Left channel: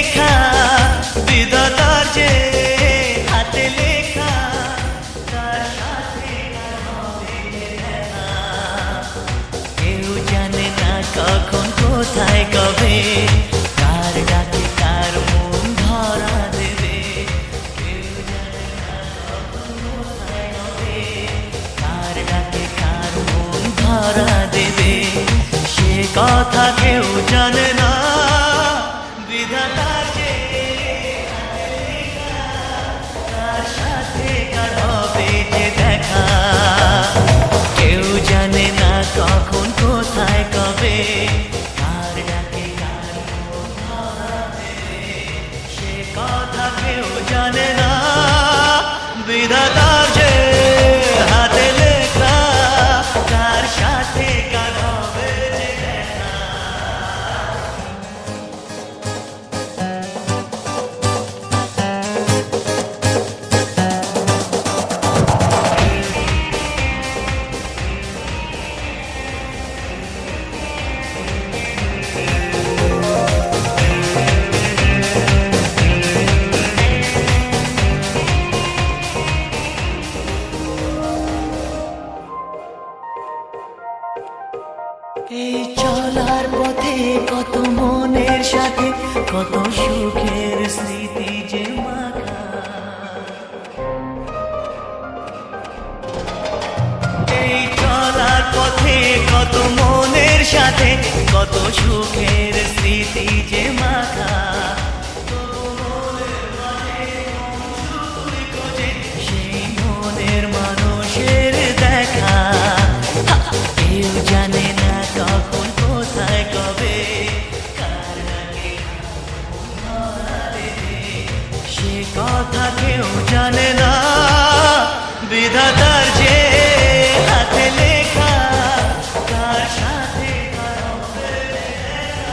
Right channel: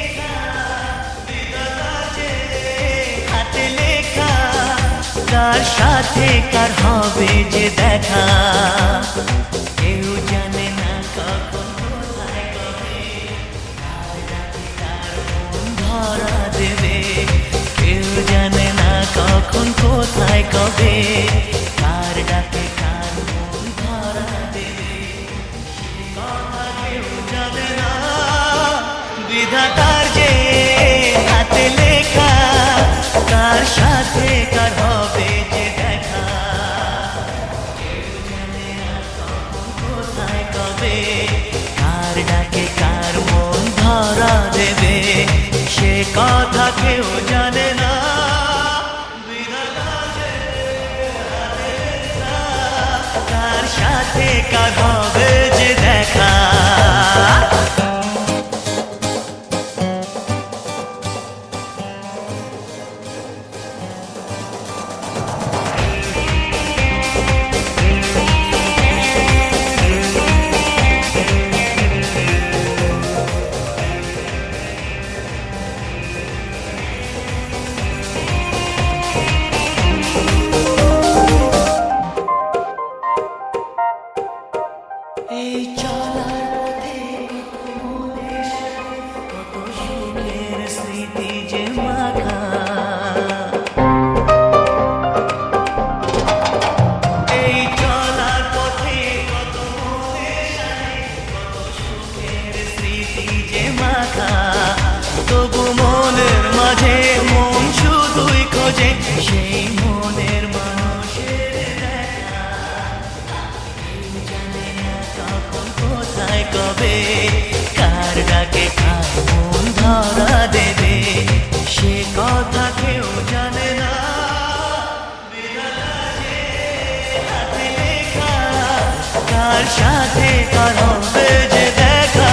লেখা বিধাতার যে হাতে লেখা, কার সাথে কার হবে যে দেখা, কেউ জানে না কখন কোথায় কবে, কার ডাকে কার মন ধরা দেবে, কেউ জানে না কখন কোথায় কবে, কার ডাকে কার মন ধরা দেবে, সে কথা কেউ জানে না। বিধাতার যে হাতে লেখা, কার সাথে কার হবে যে দেখা, কেউ জানে না কখন কোথায় কবে, কার ডাকে কার মন ধরা দেবে, সে কথা কেউ জানে না। বিধাতার যে হাতে লেখা, কার সাথে কার হবে যে দেখা। এই চলার পথে কত মনের সাথে কত সুখের স্মৃতি যে মাখা, এই চলার পথে কত মনের সাথে কত সুখের স্মৃতি যে মাখা, তবু মনের মাঝে মন শুধুই খোঁজে সেই মনের মানুষের দেখা। কেউ জানে না কখন কোথায় কবে, কার ডাকে কার মন ধরা দেবে, সে কথা কেউ জানে না। বিধাতার যে হাতে লেখা, কার সাথে কার হবে যে দেখা।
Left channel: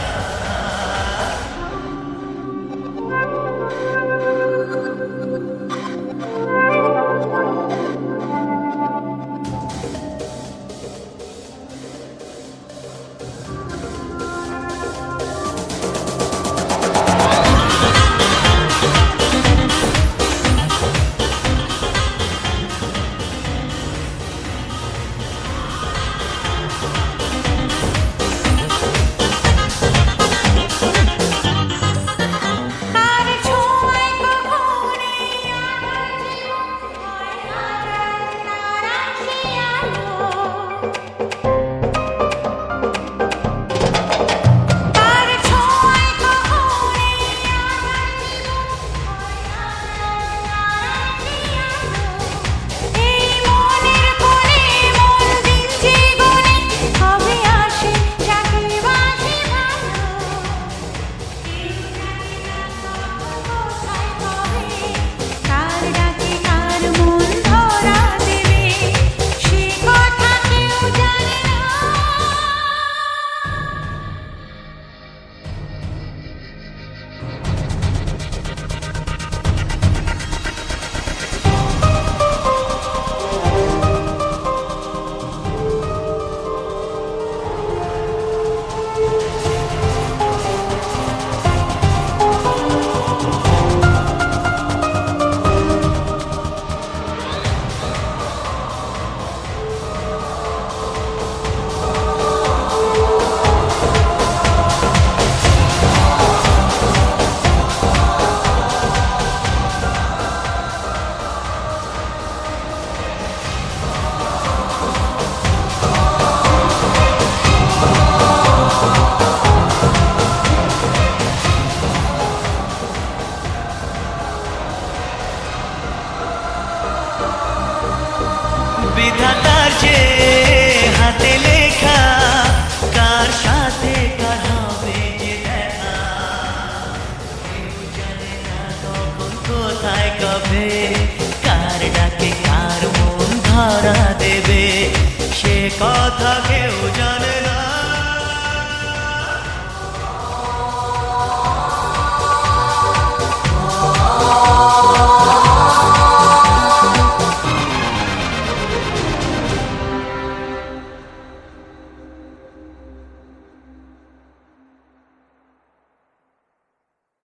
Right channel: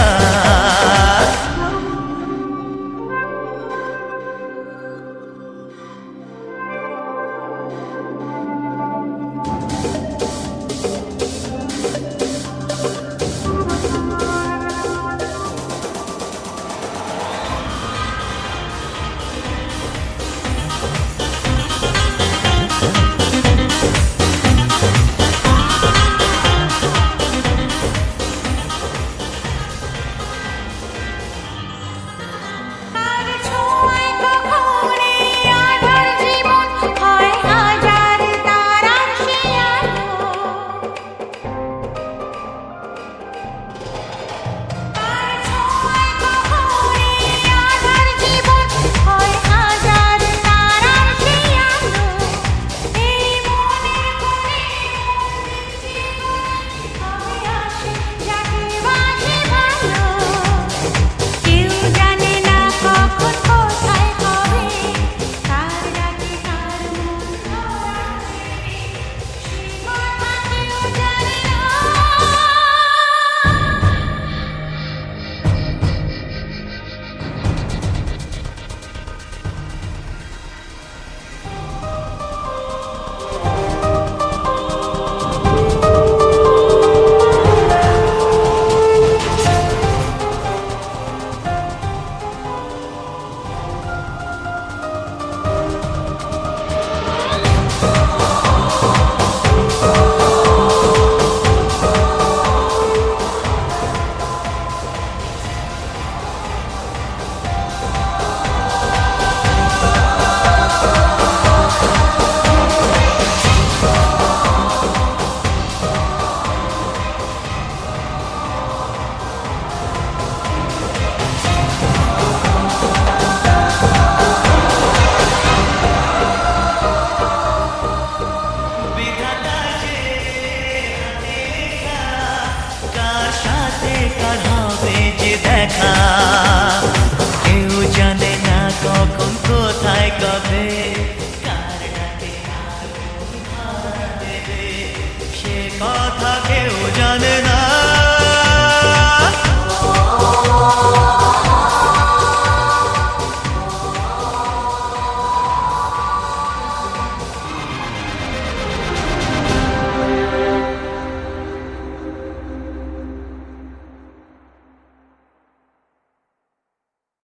বিধাতার যে হাতে লেখা, কার সাথে কার হবে যে দেখা, কেউ জানে না কখন কোথায় কবে, কার ডাকে কার মন ধরা দেবে, সে কথা কেউ